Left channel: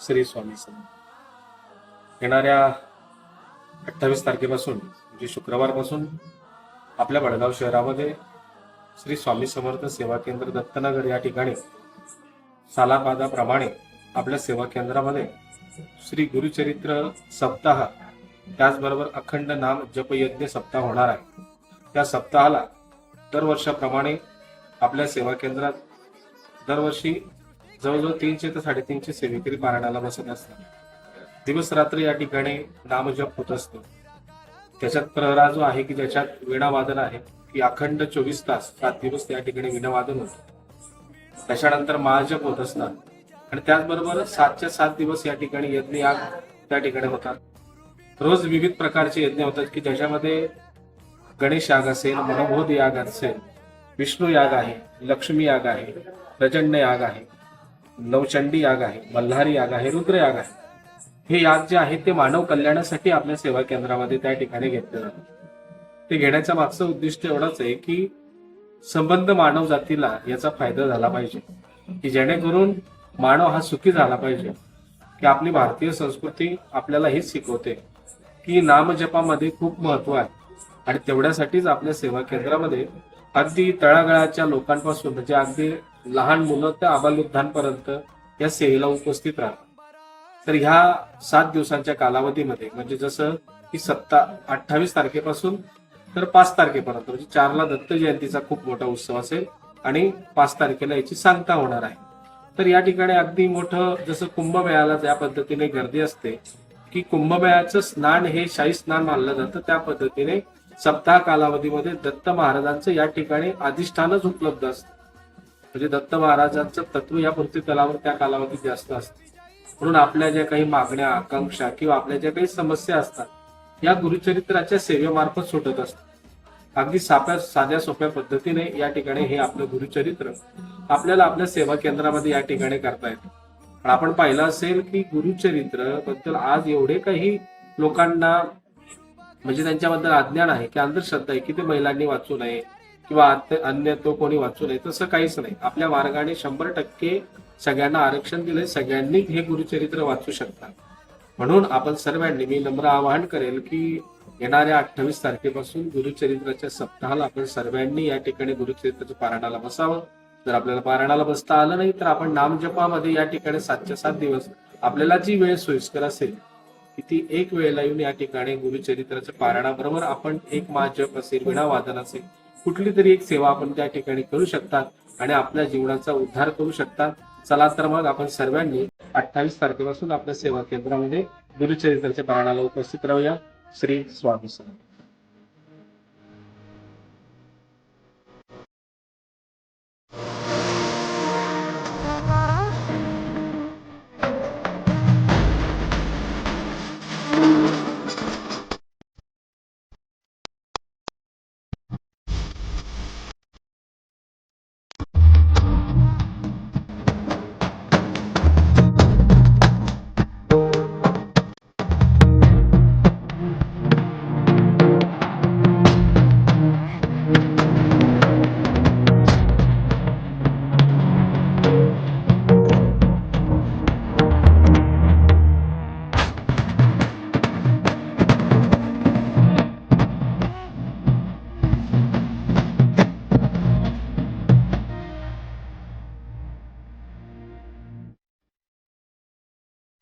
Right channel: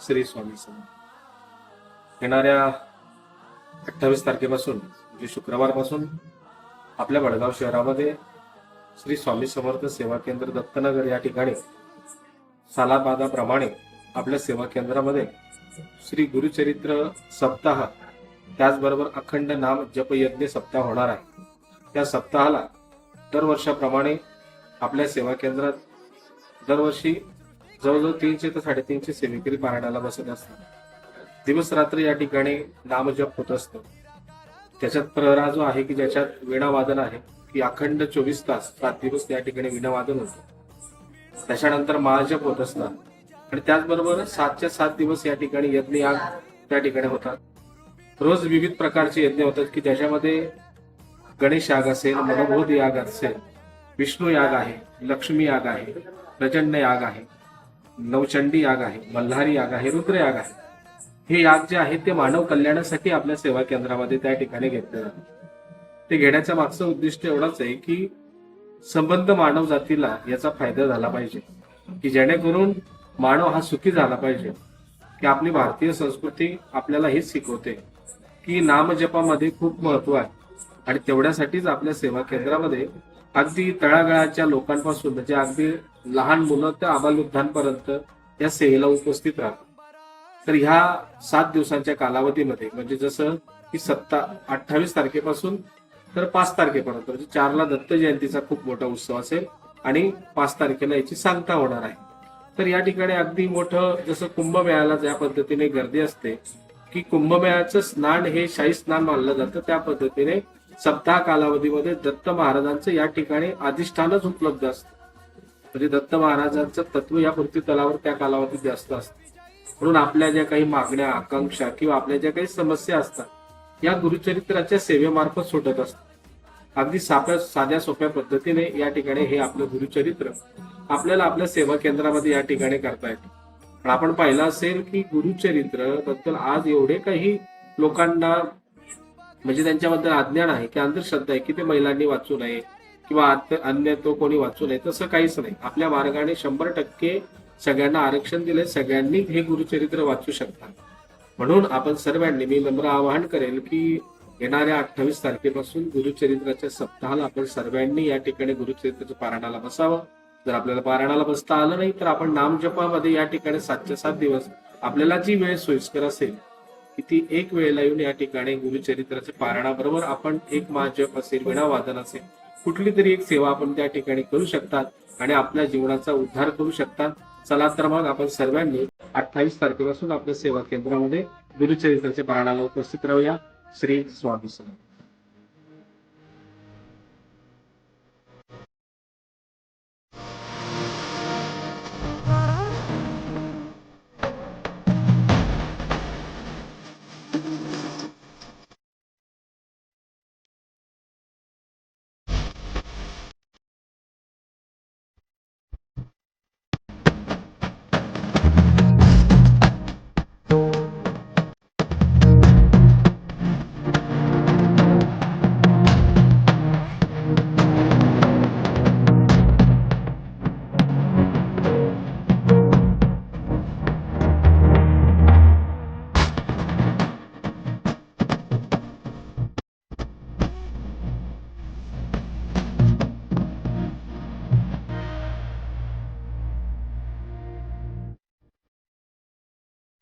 श्री स्वामी समर्थ। येणाऱ्या 28 तारखेपासून म्हणजे शुक्रवारपासून आपल्या वडगाव शहरामध्ये श्री स्वामी समर्थ सेवा केंद्र दत्तनगर या ठिकाणी सालाबादाप्रमाणे आपल्या सेवा केंद्रामध्ये श्री गुरुचरित्र सप्ताह, त्याचबरोबर अखंड नाम जप यज्ञ सप्ताह होणार आहे। त्या सप्ताहाला दरवर्षाप्रमाणे आपल्या सेवा केंद्रात दरवर्षी जवळजवळ 300 ते 350 सेवेकरी पारायणाला बसत असतात। दिवस रात्र या ठिकाणी नामजप होत असतो। त्याच्यात प्रहरा जो आहे की ज्याच्यात वीणावादन आहे की अखंड 24 तास 7 दिवस या ठिकाणी वीणावादन होतं। त्याच्यानंतर महाजप होत असतात आणि त्याचबरोबर 7च्या 7 दिवस या ठिकाणी यज्ञ याग त्या ठिकाणी होतात। रोज विविध प्रकारचे यज्ञ होतात की ज्याच्यामध्ये गणेश याग असेल, मनोबोध याग असेल, विष्णू याग आहे, लक्ष्मी याग आहे, प्रचंड याग आहे, नवचंडी याग आहे, मल्हारी याग आहे, रुद्र याग आहे। हे याग जे आहे ते मानव कल्याणासाठी आपल्या सेवा केंद्रामध्ये त्या ठिकाणी घेतले जातात। ते घेण्याचं मागचं उद्दिष्ट एवढंच आहे की संबंध मानव जातीला याचा फायदा झाला पाहिजे, की जेणेकरून मानव हा सुखी झाला पाहिजे। की आपली भारतीय संस्कृती आपल्याला हेच शिकवते की नामजपामध्ये खूप महत्व आहे आणि तेवढ्यासाठीच आपल्या सेवा केंद्रामध्ये अगदी तळागाळाच्या लोकांपासून म्हणजे अगदी लहान मुलं तर आबालवृद्धांपर्यंत या सेवेला उपस्थित राहतात। तर ह्या 7 दिवसांच्या कालावधीमध्ये म्हणजे जसं की 28 तारखेपासून तर 5 तारखेपर्यंत म्हणजे 4ला दत्त जयंतीचा खूप मोठा उत्सव असेल आणि 5 तारखेला याची सांगता होणार आहे। तर या ठिकाणी अगदी मोठं जसं कुंभमेळ्याला ज्या पद्धतीने गर्दी असते की कुंभमेळ्याचं स्नान हे शाही स्नान मानलं जातं, त्या पद्धतीने सप्ताह कालावधीमध्ये दत्त महाराजांचं या ठिकाणी अधिष्ठानच उपलब्ध असतं। म्हणजे दत्त महाराजांचं तत्व या पृथ्वी तलावर त्या कालावधीत जास्त असतं। म्हणून आपल्या ज्या काही मागण्या, आकांक्षा किंवा आपल्या ज्या काही समस्या असतात या गुरुचरित्राच्या सेवेमार्फत सुटत असतात। अगदी साध्या सोप्या पद्धतीने या ठिकाणी हे आपलं गुरुचरित्र आपल्याला आपल्या सेवा केंद्रामध्ये या ठिकाणी करता येतं। पण आपण पाहिलं असेल की गुरुचरित्र बद्दल आज एवढे काही लोकांना म्हणजे त्यांच्याबद्दल अज्ञान आहे की अंधश्रद्धा आहे की ते महिलांनी वाचू नये किंवा अन्य तो कोणी वाचू नये, तसं काहीच नाही। आपल्या मार्गाने 100% सगळ्यांना आरक्षण दिले, सगळ्यांनी हे गुरुचरित्र वाचू शकतात। म्हणून आपण सर्वांनी, मी नम्र आवाहन करेल की येणाऱ्या 28 तारखेपासून गुरुचरित्राच्या सप्ताहाला आपण सर्वांनी या ठिकाणी गुरुचरित्राच्या पारायणाला बसावं। जर आपल्याला पारायणाला बसता आलं नाही तर आपण नामजपामध्ये या ठिकाणी 7च्या 7 दिवस आपल्याला जी वेळ सोयीस्कर असेल की ती एक वेळेला येऊन या ठिकाणी गुरुचरित्राच्या पारायणाबरोबर आपण एक महाजप असेल, वीणावादन असेल, कुठली तरी एक सेवा आपण त्या ठिकाणी करू शकतात आणि आपल्या जीवनाचा उद्धार करू शकतात। चला तर मग आपण सर्वांनी 28 तारखेपासून आपल्या सेवा केंद्रामध्ये गुरुचरित्राच्या पारायणाला उपस्थित राहूया। श्री स्वामी समर्थ।